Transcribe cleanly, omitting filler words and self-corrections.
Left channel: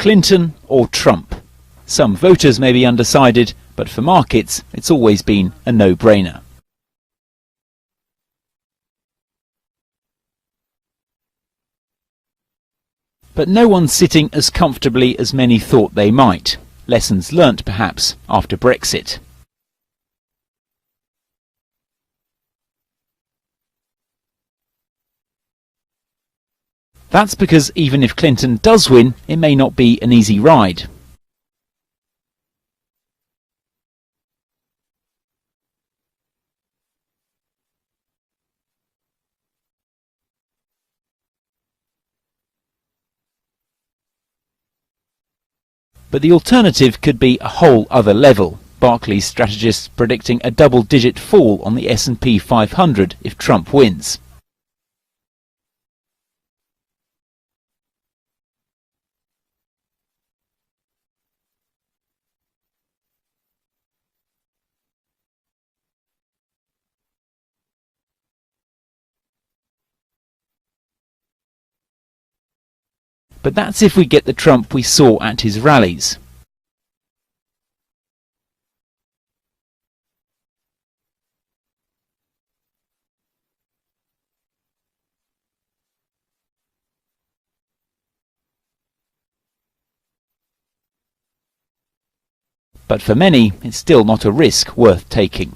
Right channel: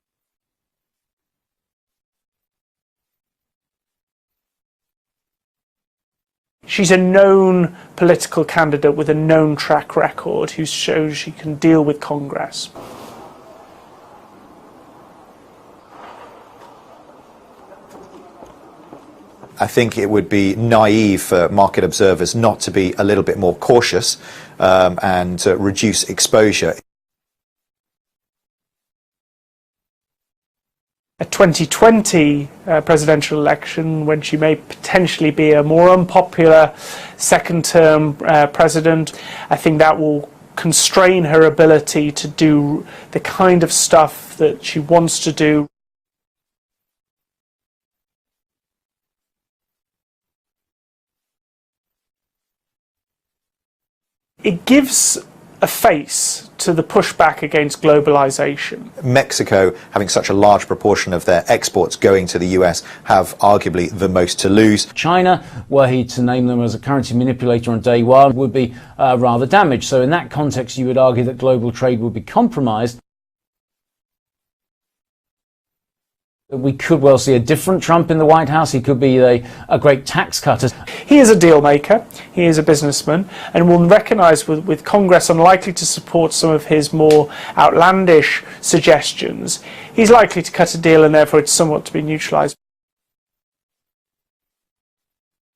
Clinton or Trump? Some voters may be undecided, but for markets, it's always been a no-brainer. She's a known political candidate with a known track record who shows she can deal with Congress. But no one's sitting as comfortably as many thought they might. Lessons learnt, perhaps, after Brexit. I think it would be naive for market observers not to be a little bit more cautious and reduce exposure. That's because even if Clinton does win, it may not be an easy ride. A 2020 presidential election, when she may potentially be a more unpopular second-term president, I think that will constrain her ability to do the kind of stuff that she wants to do. But the alternative could be a whole other level. Barclays strategists predicting a double-digit fall on the S&P 500 if Trump wins. It gives a face to the pushback against globalization. Mexico, having such a large proportion of their exports going to the US, have arguably the most to lose. China, were he to name them as a currency manipulator on day one, would be rather damaged. So in that context, you would argue that global trade would be compromised. But that's if we get the Trump we saw at his rallies. We could well see a different Trump in the White House. He could be a great tax cutter. He is a deal maker, he is a businessman, and will recognise with Congress unlikely to support some of his more outlandish suggestions, he's likely to cut a deal and therefore it's somewhat to be neutralised. But for many, it's still not a risk worth taking.